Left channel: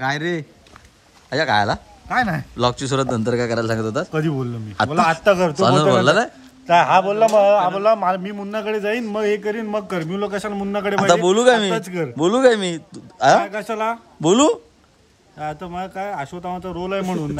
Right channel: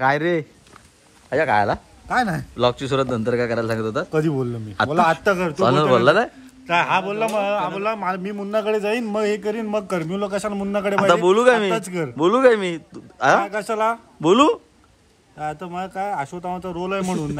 काय रे अजा काय आला काय नाही ब्लॉगची सुरुवात नंतर काय करायला सांगत होता? कधी बोललो मी बोला आता करतो बोलला नाही हा बोलला मी मुन्नाकडे जाईन मग हे करीन मग कर मी कशाला मुन्नाकडे आता बोलू काय मी बोलू काय मी कशाला बोलू आता मग काय अश्वत्थामाचा रोल आहे म्हणून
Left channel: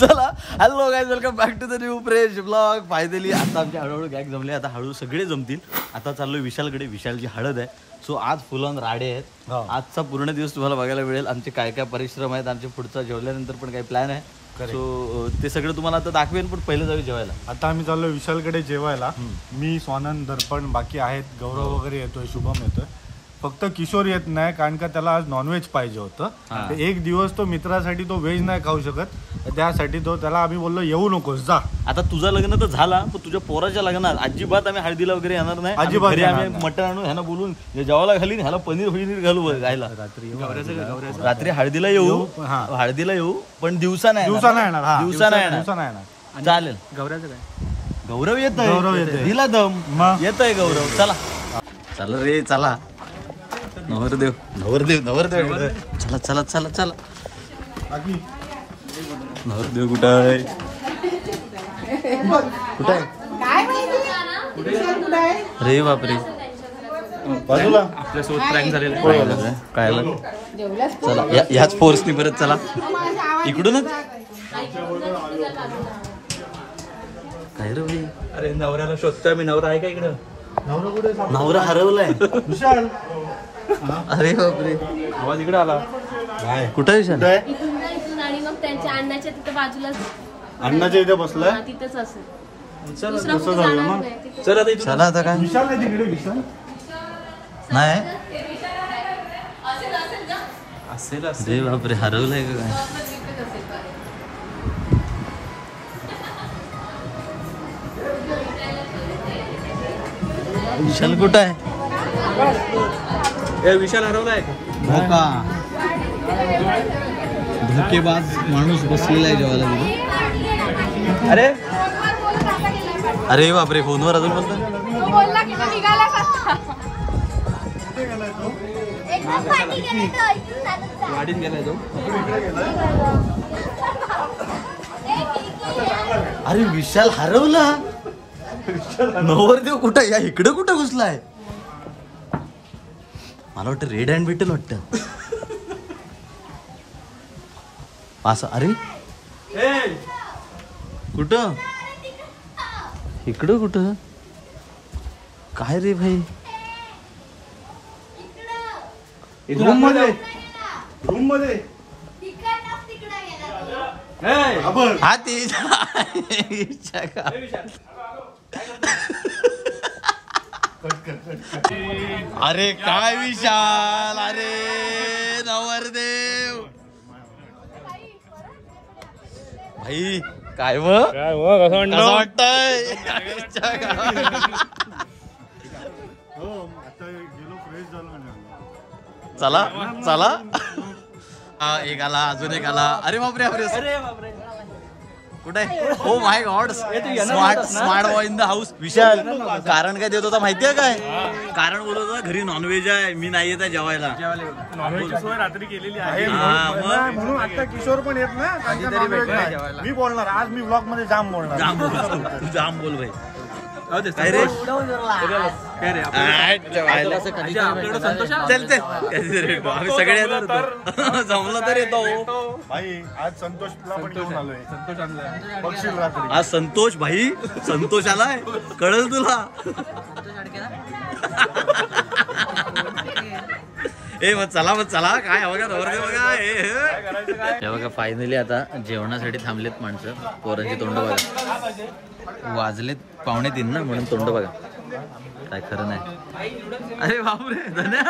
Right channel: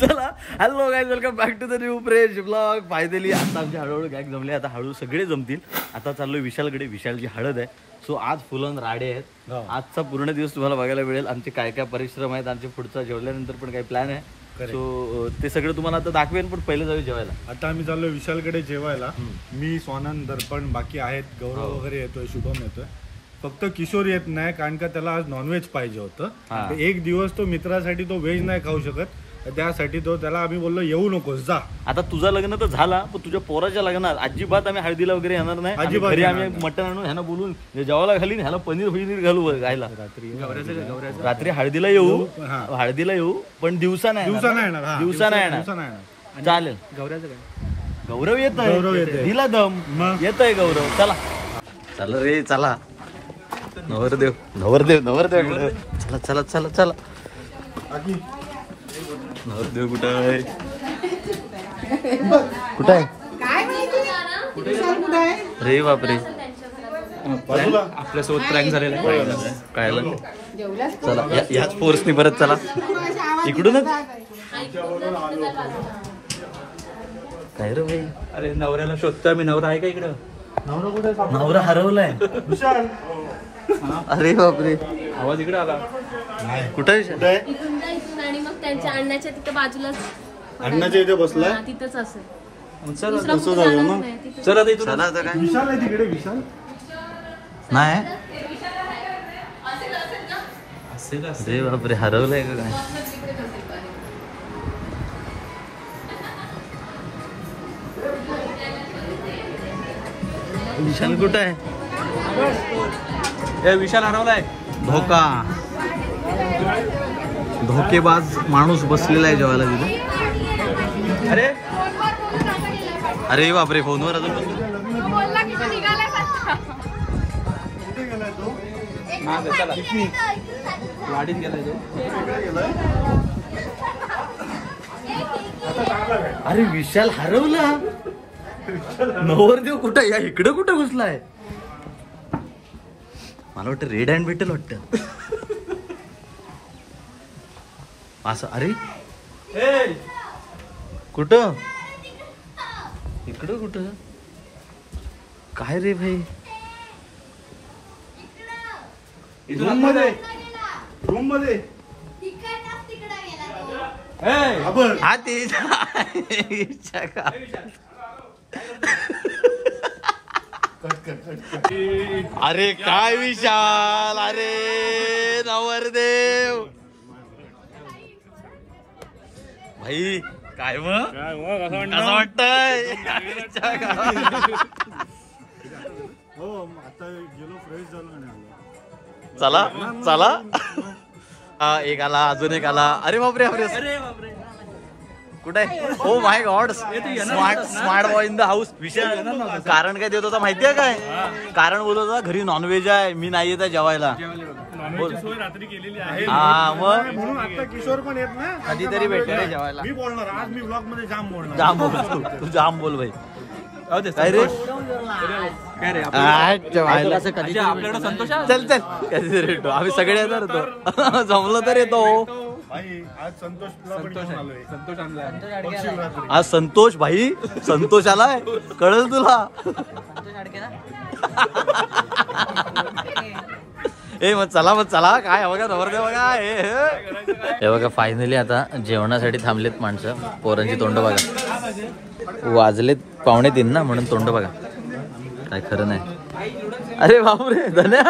चला hello guys welcome back to the new fresh blog. Finally आता आमचे हळूहळू गॅग जमले. आता हळू सगळे जमतील. आता चाललोय विशालकडे. विशालची हळद आहे. सो आज फुल ऑन राडे आहेत. आजचा पूर्ण दिवस तुम्हाला बघायला मिळेल. आमचे काय काय परिश्रम आहेत. आमचे पुढचा जेवल्यानंतर पण काही प्लॅन आहे. सो ते सगळं तुम्हाला आता दाखवेन. पण पहिले जाऊ जेवायला. आता आम्ही चाललो विशालकडे जेवायला. मी स्वानंद दर्पण बाकी आहेत. गौरव वगैरे येतोय. शुभम येतोय. फक्त किशोर येत नाही कारण का त्याला आज नॉनव्हेज पाहिजे होतं. एक दिवस तो मित्रासाठी तो व्हेज नाही खाऊ शकत. त्यासाठी तो त्याला आम्ही बोललो येऊ नकोस जा. आता तुझं लग्न तर झाला पण तुझ्या पोराच्या लग्नात अजिबात आम्ही हळदीला वगैरे येणार नाही. अजिबात घरी आम्ही मटण आणून ह्याला बोलून जेवायला घालीन. ह्याला पनीर घालू खायला. रात्री हळदीला येऊ. हळदीला येऊ पण दिवसा नाही येणार. चालेल. गौरवचं काय गौरव येतोय. दिला दम येतोय गौरव. चला चला रे चला. नवरदेव चला चला चला चला. नवरदेव कुठं आहे? कुठं आहे? रे बापरे आपल्यासोबत प्रँक झालेला आहे. काय चला ह्याच फोर्सनी परत चला इकडूनच. काय रे भाई? अरे नवऱ्याला शोधतोय मी. नवरा आहे का इकडं? नवरा कुठे? नवरा हरवलाय. अरे बापरे आवाज इकडे आला. कुठे विशाल? आणि मग त्यांच्या अण्णाच्या तिथे बाजूलाच अण्णाच्या इथे बसलाय. तिथंच असेल. तसं जाऊया मग. चला आता काय विशाल नाही तिकडे. विशाल नाही. अरे बापरे हरवलंय का काय? विशाल कुठं आहे? विशाल हरवलाय. धोका धोकेबाज माणूस बसलेला आहे जेवायला तिथे. अरे अरे बापरे फोनवर अजून पण गाडीत गेलाय तो. अरे विशाल हरवला. नवरदेव कुठं या इकडे कुठं घुसलाय? मला वाटतं रेड हँड भेटेल वाटतं असं. अरे कुठं इकडं कुठं काय रे भाई? रूम मध्ये हा ते अरे काय विशाल? अरे नवरदेव भाई काय मग कसं वाटतंय? हो आता गेलो फ्रेश झालो. चला चला. एक आला अजून एक आला. अरे बापरे बापरे कुठे? Oh my god smart boy in the house. Vishal कारण काय देत होता माहितीये काय? कारण बोलत होता घरी नॉनव्हेज आहे मी नाही येत आहे जेवायला. रात्री केलेली आहे. हा मग म्हणून आता किशोर पण येत ना. मी बोलणार आज. मी ब्लॉग मध्ये जाम बोलणार. जाम बोल तू जाम बोल भाई. काय रे? चल चल कधी येतो आम्ही सगळे येणार होतो. जमलो तर येतो. आज संतोषला पण घेऊन आलोय. संतोष आणलाय. बघशील रात्री. आज संतोष भाई संतोष आलाय कळल तुला. ए मग चला काय बघा नवरदेव बघा. हे बघा फायनली आता जेवणासाठी थांबलेत माणसं. पोरांची तोंड बघा. वाजलेत 2:45 ना म्हणून तोंड बघा. काय खरं नाही. अरे बापरे धन्या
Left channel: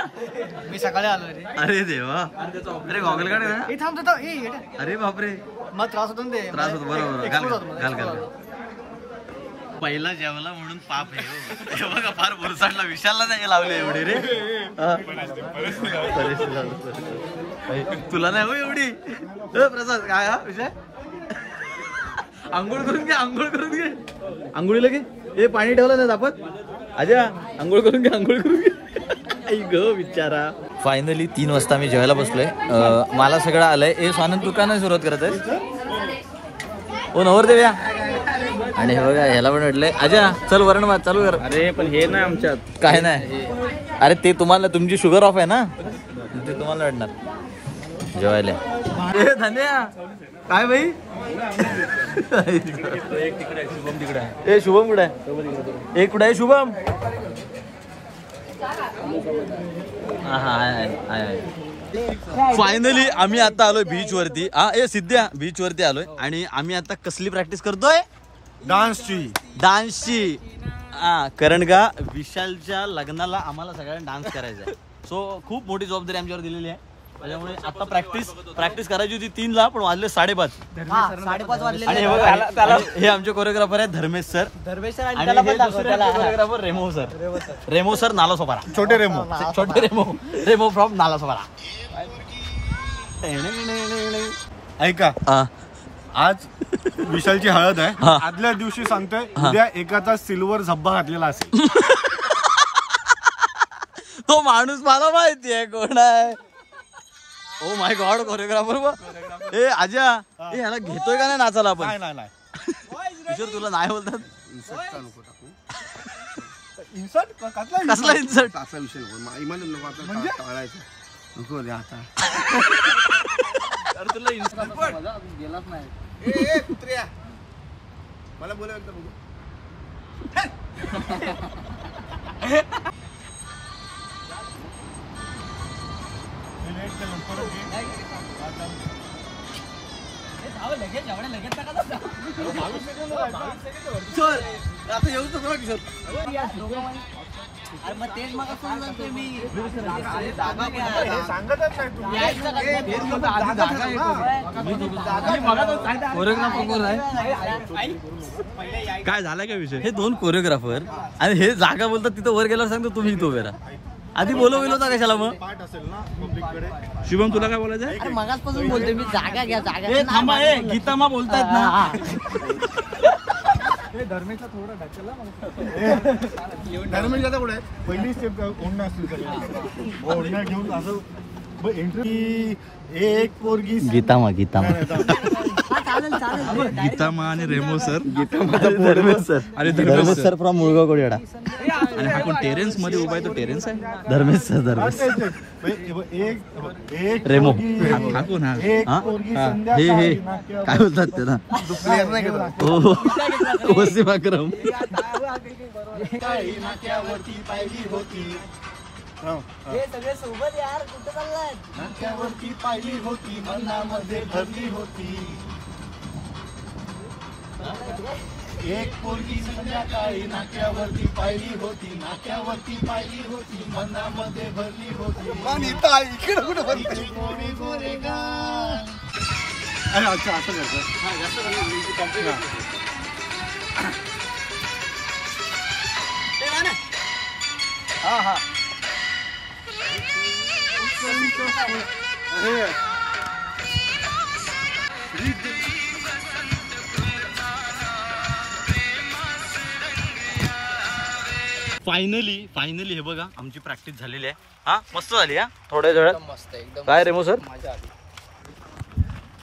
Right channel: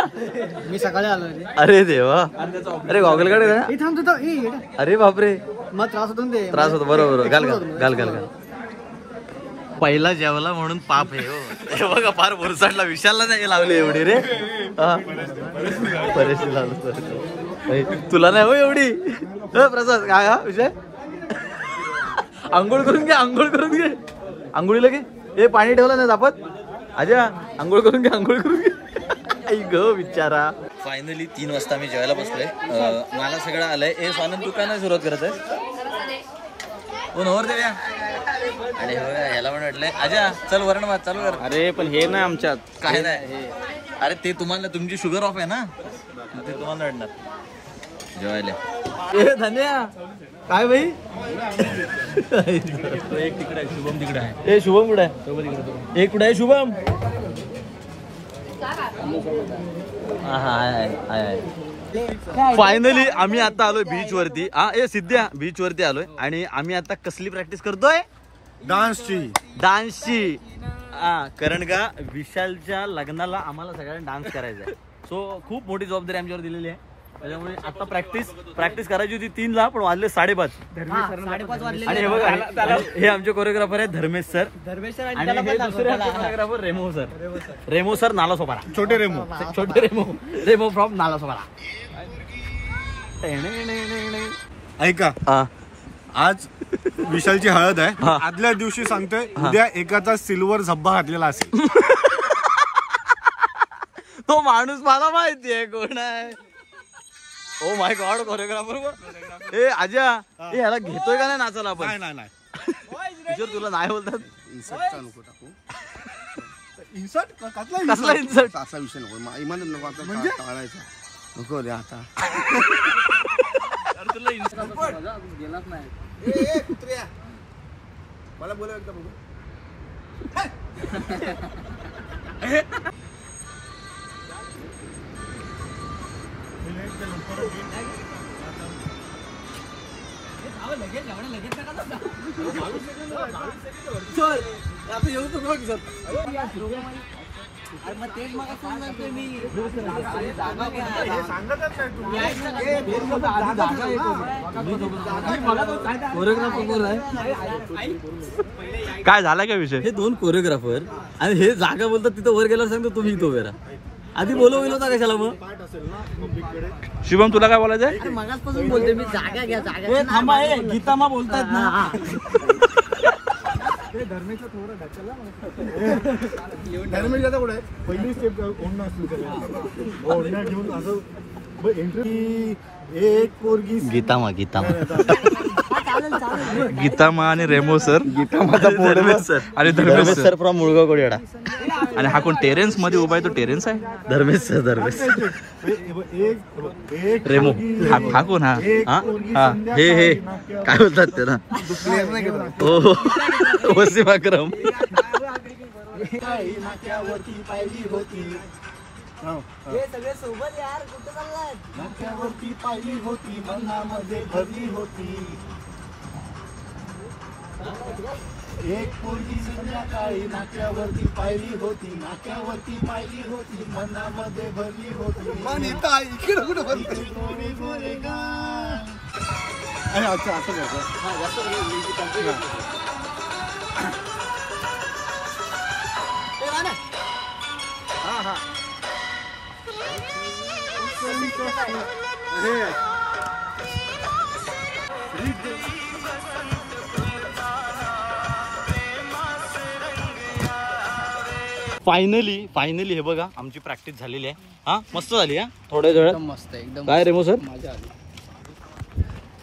मी सकाळी आलो रे. अरे देवा. अरे गॉगल काढ. अरे बापरे मग त्रास होतो. बरोबर घाल. पहिला जेवला म्हणून पाप आहे हो. हे बघा फार भुरसाटला. विशालला नाही लावले एवढे रे. तुला नाही हो एवढी. प्रसाद काय हा विषय? आंघोळ करून घे. आंघोळीला घे. हे पाणी ठेवलं नाही तापत. आजा आंघोळ करून घे. आई ग बिचारा. फायनली 3 वाजता मी जेवायला बसलोय. मला सगळं आलंय. हे स्वानंद तू का नाही सुरुवात करत आहे? ओ नवरदेव या. आणि हे बघा ह्याला पण म्हटलंय अजा चल वरण भात चालू कर. अरे पण हे नाही आमच्यात. काय नाही. अरे ते तुम्हाला तुमची शुगर ऑफ आहे ना ते तुम्हाला वाटणार जेवायला. काय भाई तिकडे आहे. ए शुभम कुठे आहे? एक कुठे आहे शुभम? फायनली आम्ही आता आलोय बीच वरती. ए सिद्ध्या बीच वरती आलोय आणि आम्ही आता कसली प्रॅक्टिस करतोय? डान्सची. कारण का विशालच्या लग्नाला आम्हाला सगळ्यांना डान्स करायचा आहे. सो खूप मोठी जबाबदारी आमच्यावर दिलेली आहे. त्याच्यामुळे आता प्रॅक्टिस करायची होती 3ला पण वाजले 5:30. आणि हे बघा हे आमचे कोरिओग्राफर आहेत धर्मेश सर. आणि हे दुसरे कोरिओग्राफर रेमो सर नालासोपारा. छोटे रेमो फ्रॉम नालासोपारा. ऐका आज विशालची हळद आहे. आदल्या दिवशी सांगतोय उद्या एकाचा सिल्वर झब्बा घातलेला असेल. तो माणूस मला माहिती आहे कोण आहे. ओ माय गॉड कोरिओग्राफर. ए आजा ह्याला घेतोय का नाही नाचायला आपण? नाही किशोर तुला नाही बोलतात. इन्सर्टचा नको टाकू. कसला इन्सर्ट? असा विषय नको. इमान नको आपल्याला टाळायचा नको रे आता. गेलाच नाही. ए कुत्र्या मला बोलावं एकदा बघू. आता येऊ तर किशोर. मग तेच मग सांगतोय मी. काय झाला काय विषय? हे 2 कोरिओग्राफर आणि हे जागा बोलतात तिथं वर गेल्यावर सांगतो तुम्ही इथं उभे राहा. आधी बोलवलं होता कशाला मग? शुभम तुला काय बोलायचं? मगाचपासून बोलते मी जागा घ्या जागा. हे थांबा हे गीतामा बोलतायत ना. धर्मेशला थोडं धर्मेश आता कुठे आहे? पहिली स्टेप ओढणं असली ओढणं घेऊन असं एंट्री. एक पोरगी गीतामा गीतामा आणि रेमो सर धर्मेश सर आणि धर्मेश सर फ्रॉम मुळगाव कोडियाडा. आणि हा कोण टेरेन्स मध्ये उभा आहे? तो टेरेन्स आहे. धर्मेश एक रेमो. हा कोण? हा हे काय बोलतात त्याला? हो वसीम अक्रम. हे सगळे सोबत यार कुठे चाललाय? नाक्यावरती पाहिली होती मनामध्ये भरली होती. एक पोरगी संध्याकाळी नाक्यावरती पाहिली होती. नाक्यावरती पाहिली होती मनामध्ये भरली होती. इकडे कुठे भरली? गोरे गोरे गाल. अच्छा असं करतो. फायनली हे बघा आमची प्रॅक्टिस झालेली आहे. हा मस्त झाली. थोड्या वेळात मस्त एकदम. काय रेमो सर? मजा आली.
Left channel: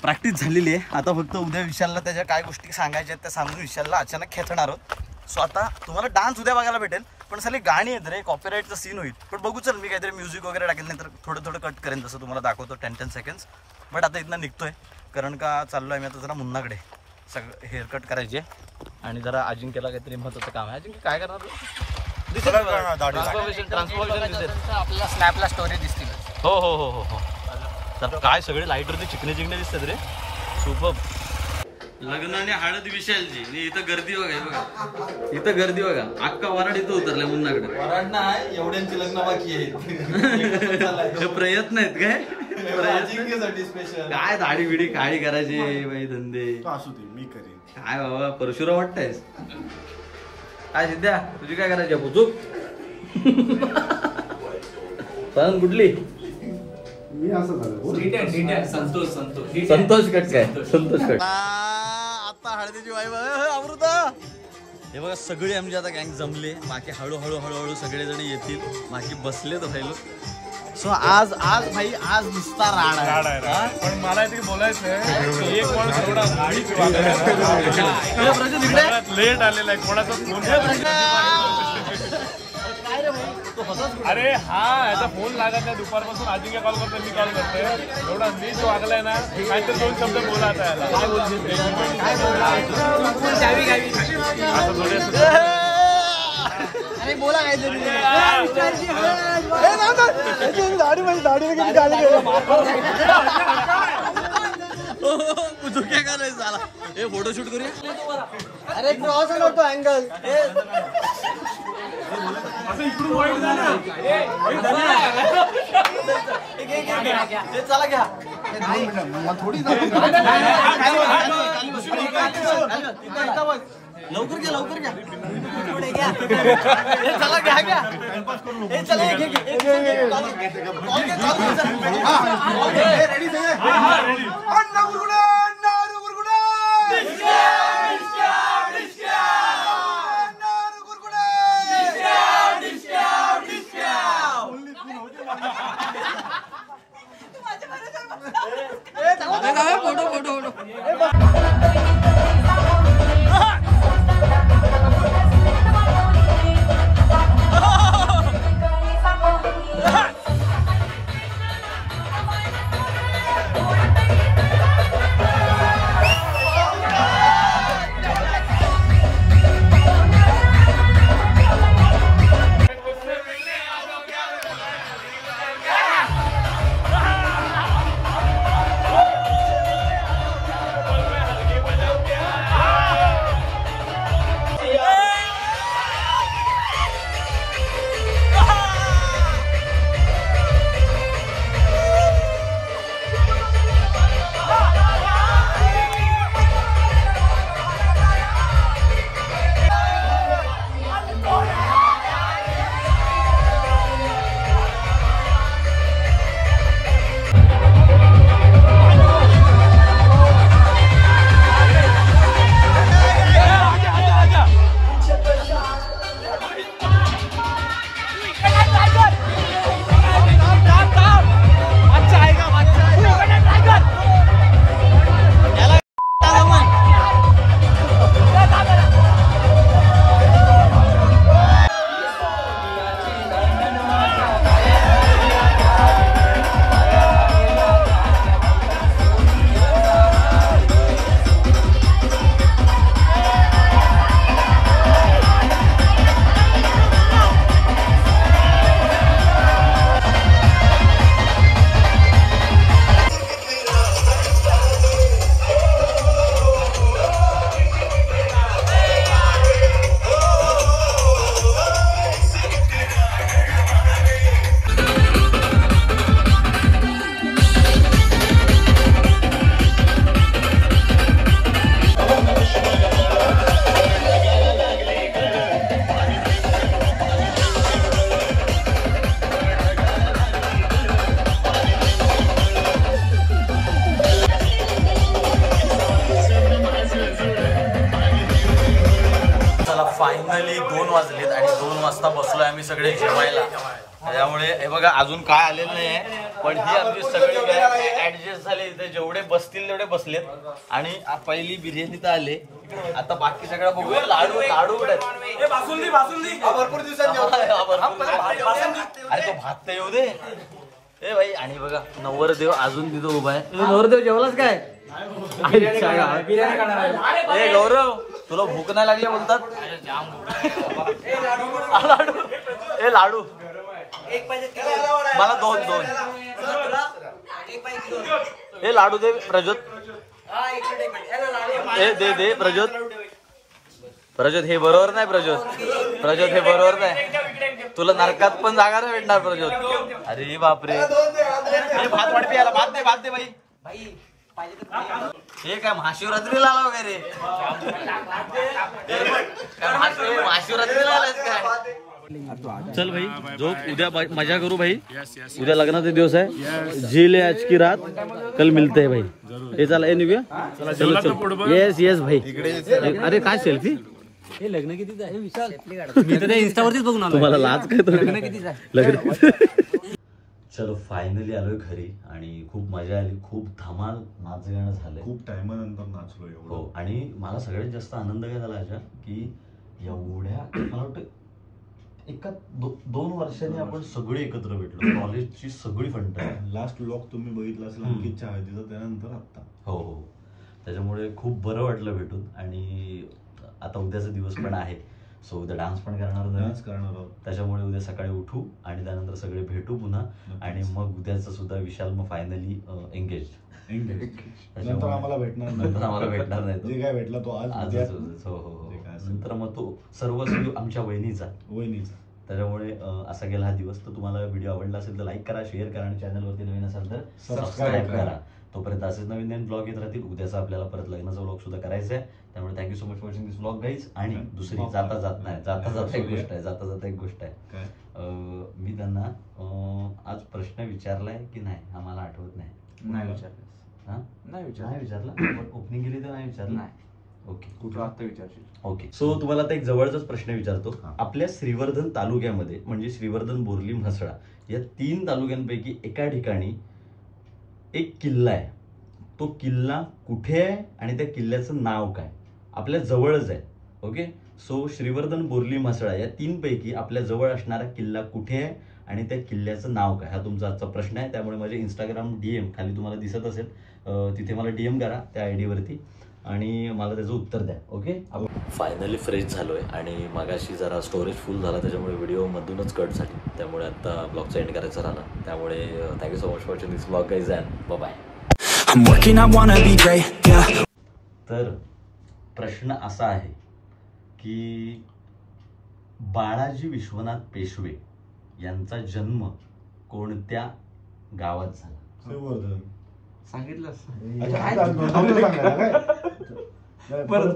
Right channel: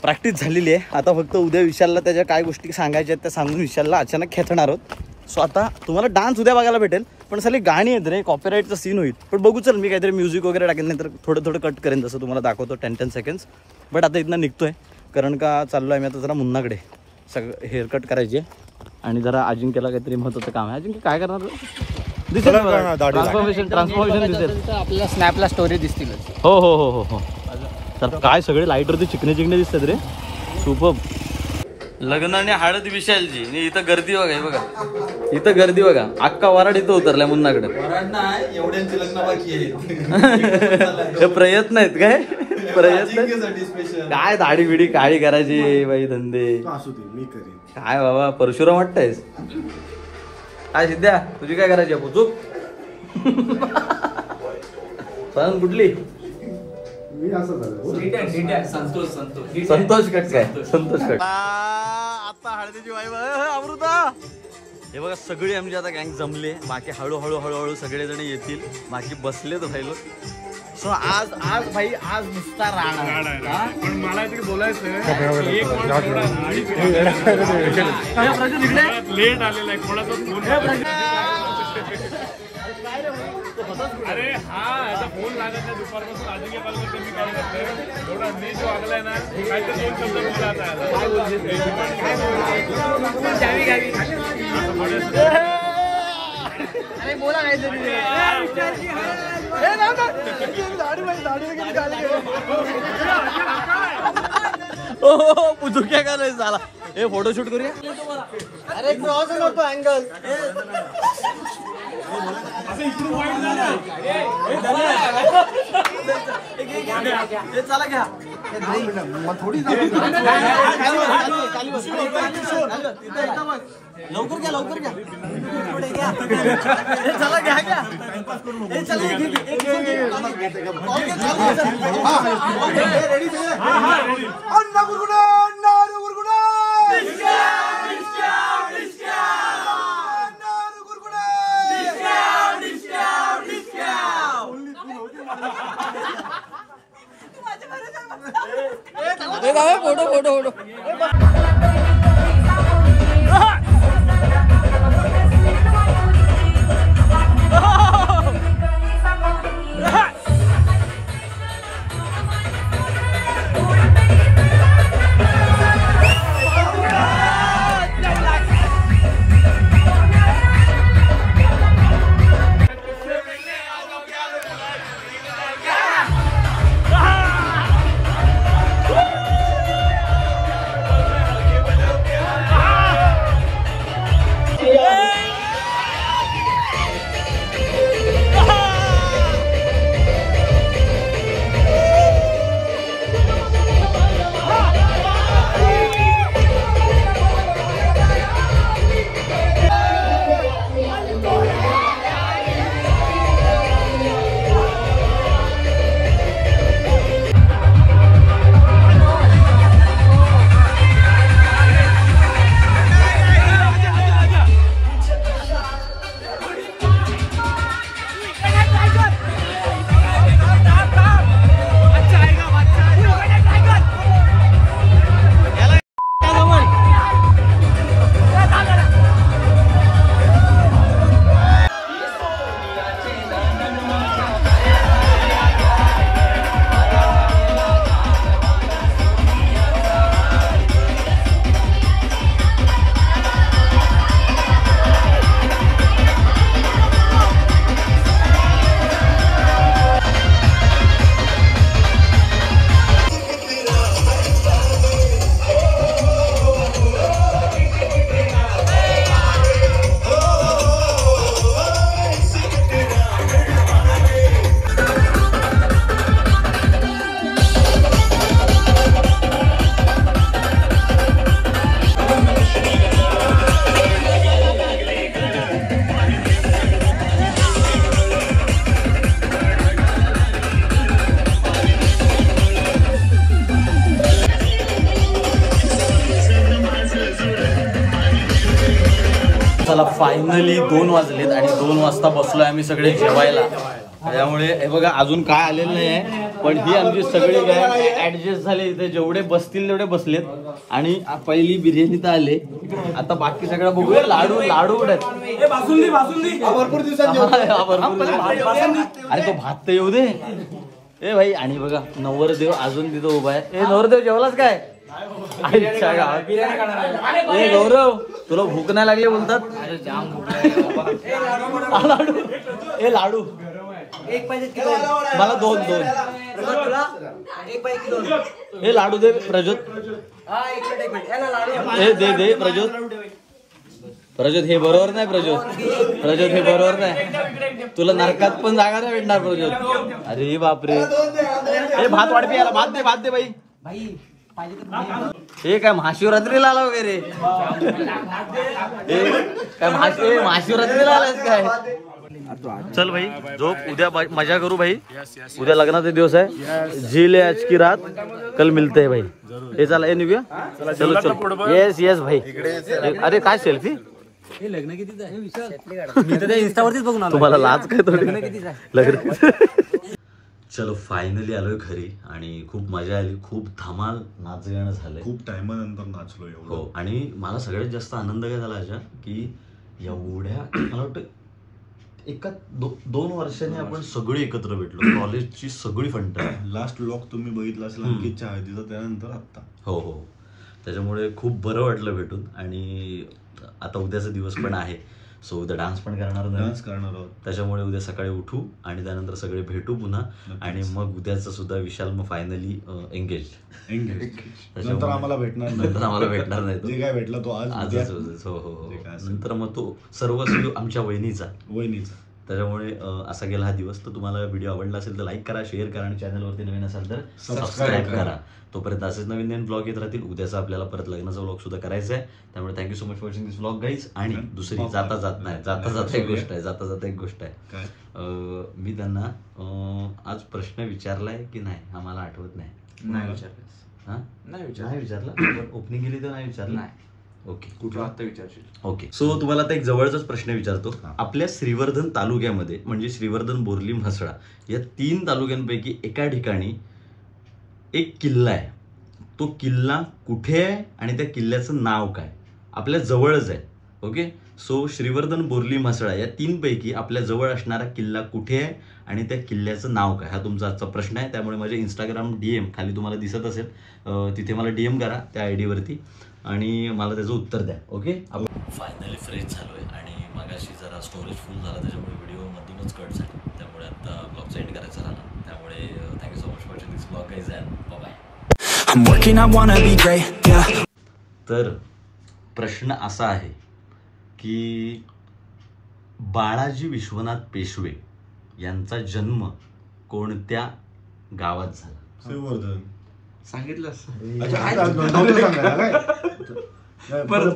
प्रॅक्टिस झालेली आहे. आता फक्त उद्या विशालला त्याच्या काय गोष्टी सांगायच्या आहेत त्या सांगून विशालला अचानक खेचणार आहोत. सो आता तुम्हाला डान्स उद्या बघायला भेटेल. पण साली गाणी आहेत रे, कॉपीराईटचा सीन होईल. पण बघू चल मी काहीतरी म्युझिक वगैरे टाकेल नाही तर थोडं कट करेन जसं तुम्हाला दाखवतो 10 सेकंड्स. बट आता इथनं निघतोय कारण का चाललो आहे मी आता जरा मुन्नाकडे. सगळं हेअरकट करायचे आणि जरा अजिंक्यला काहीतरी महत्त्वाचं काम आहे. अजिंक्य काय करणार? ट्रान्सफॉर्मेशन दिसेल आपल्याला स्नॅपला स्टोरी दिसतील. हो तर काय सगळे लाईटवरती चिकने दिसतात रे. सुपर. लग्न आणि हळद विशालची. इथं गर्दी बघा. इथं गर्दी बघा. अख्खा वराड इथं उतरलाय मुन्नाकडे. एवढ्यांची लग्न बाकी आहेत. हे प्रयत्न आहेत काय? प्रयत्न काय? दाढी बिडी काळी करायची बाई धंदे. असू दे मी करीन. काय बाबा परशुराम वाटतंयस काय? सिद्ध्या तुझी काय करायची? पोचूक कुठली? संतोष कट काय? संतोष कट. आता हळदीची वाई अमृता हे बघा सगळे आमचे आता गँग जमले, बाकी हळूहळू सगळेजण येतील, बाकी बसले तर राहिलो. सो आज भाई आज नुसता राडा आहे. पण मला ते बोलायचं प्रजोत इकडे लेट आलेला आहे थोडासा काय रे भाई तो होताच कुठे? अरे हा याचा फोन लागत नाही दुपारपासून. अजिंक्य कॉल करतो मी काय करतोय एवढा नेट वागलाय ना काहीतरी दोन शब्द बोला आता. काय बोलशील? अरे बोला पुचुक्या काय झाला. हे फोटोशूट करूया. अरे क्रॉस करतो अँगल. चला घ्या लवकर घ्या लवकर घ्या. चला घ्या घ्या. Ready photo photo photo. चला फायनली 2 वाजलेत आणि 2 वाजता बसलोय आम्ही सगळे जेवायला. त्यामुळे हे बघा अजून काय आलेलं नाही आहे, पण ही आमची सगळी काय ऍडजस्ट झाले. इथे जेवढे बसतील तेवढे बसलेत. आणि पहिली बिर्याणी तर आले, आता बाकी सगळं बघूया. लाडू लाडू भरपूर दिवसांनी. अरे तो भात तर येऊ दे ए भाई. आणि बघा नवरदेव अजून तिथं उभा आहे. नवरदेव जेवलाच काय? ए गौरव तुला भूक नाही लागली बोलतात. लाडू ए लाडू मला 2 हे लाडू दे प्रज्योत. हे दे प्रज्योत हे बरोबर नाही. प्रज्योत हे बरोबर नाही. तुला नरकात पण जागा नाही भेटणार प्रज्योत. अरे बापरे. हे भात वाढते याला. भात दे बाई. हे काय महाशिवरात्रीला आला वगैरे? महाशिवरात्रीला आलास काय? चल भाई झोप. उद्या मजा करू भाई. उद्या लग्नाचा दिवस आहे. झील है आज की रात, कल मिलते हैं भाई. हे चला हे निघूया. चलो येस भाई. अरे काय सेल्फी मी तर इंस्टावरतीच बघून आलो. तुम्हाला लाज काय तर लग्न किती झालं? लग्न चलो फायनली आलोय घरी आणि खूप मजा आली, खूप धमाल नाच गाणं झालंय. खूप टायमानंतर नाचलो एवढं. हो आणि मला सगळ्यात जास्त आनंद काय झाला याच्यात की एवढ्या मला वाटतं एका 2 वर्षांनी आपण सगळे एकत्र भेटलो. कॉलेजची सगळी फंट. लास्ट व्लॉग तुम्ही बघितला असेल अंकितच्या हळदीचा, त्यानंतर आता. हो हो, त्याच्यामुळे खूप बरं वाटलं भेटून. आणि आता उद्याचा दिवस पण आहे, सो उद्या डान्स पण करणार डान्स करणार आहोत. त्याच्यामुळे उद्या सकाळी उठू आणि त्यानंतर सगळे भेटू पुन्हा. आणि मग उद्याचं सुद्धा विशाल मग फायनली एंगेज. नंतर आम्हाला भेटणार नाही जे काय भेटलं तो आज उद्या. हो हो, नंतर मग तो सर्व आमच्या वहिनीचा. त्याच्यामुळे असा गेला हा दिवस. तर तुम्हाला व्हिडिओ आवडला असेल तर लाईक करा, शेअर करा आणि चॅनलवरती नवीन असाल तर सबस्क्राईब करा. तोपर्यंत असेच नवीन नवीन ब्लॉग येत राहतील. उद्याचा आपल्याला परत लग्नाचा ब्लॉग सुद्धा करायचा आहे. त्यामुळे thank you so much for watching this blog guys. आणि दुसरी जाता एक गोष्ट आहे मी त्यांना आज प्रश्न विचारलाय की नाही हा मला आठवत नाही. नाही विचारला पण ओपनिंग केली तर नाही विचारलं. ओके, कुठला आता विचारशील. ओके, सो तुम्हाला आता एक जवळचाच प्रश्न विचारतो. आपल्या श्रीवर्धन तालुक्यामध्ये म्हणजे श्रीवर्धन, बोरली, म्हसळा या 3 तालुक्यांपैकी एका ठिकाणी एक किल्ला आहे. तो किल्ला कुठे आहे आणि त्या किल्ल्याचं नाव काय? आपल्या जवळच आहे. ओके, सो श्रीवर्धन, बोरली, म्हसळा या 3 पैकी आपल्या जवळ असणारा किल्ला कुठे आहे आणि त्या किल्ल्याचं नाव काय? हा तुमचा आजचा प्रश्न आहे. त्यामुळे माझे इंस्टाग्राम DM खाली तुम्हाला दिसत असेल, तिथे मला DM करा त्या ID वरती आणि मला त्याचं उत्तर द्या. ओके, फायनली फ्रेश झालोय आणि मगाशी जरा स्टोरेज फुल झाला, त्याच्यामुळे व्हिडिओ मधूनच कट झाली. त्यामुळे आता ब्लॉगचा एंड करायचा राहिला. त्यामुळे thank you so much for watching this blog guys and bye bye. तर प्रश्न असा आहे की बाळाजी विश्वनाथ पेशवे यांचा जन्म कोणत्या गावात झाला? श्रीवर्धन. सांगितलं परत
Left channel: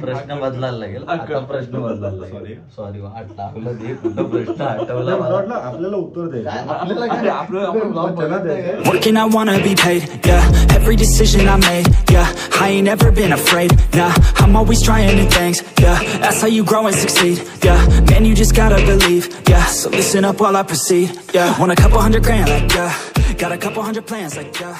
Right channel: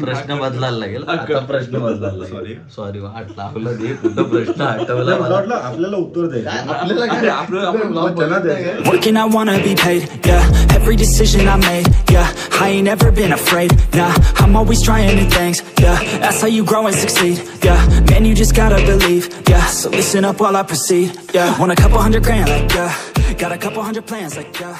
प्रश्न बदलायला लागेल. आता प्रश्न बदलायला लागेल. सॉरी वाटलं आपलं प्रश्न आठवला मला. आपल्याला उत्तर द्यायचं. Working, I wanna be paid, yeah. Every decision I made, yeah. I ain't never been afraid, nah. I'm always trying new things, yeah. That's how you grow and succeed, yeah. Man, you just gotta believe, yeah. So listen up while I proceed, yeah. Want a couple $100 grand, like, yeah. Got a couple hundred plans, like, yeah.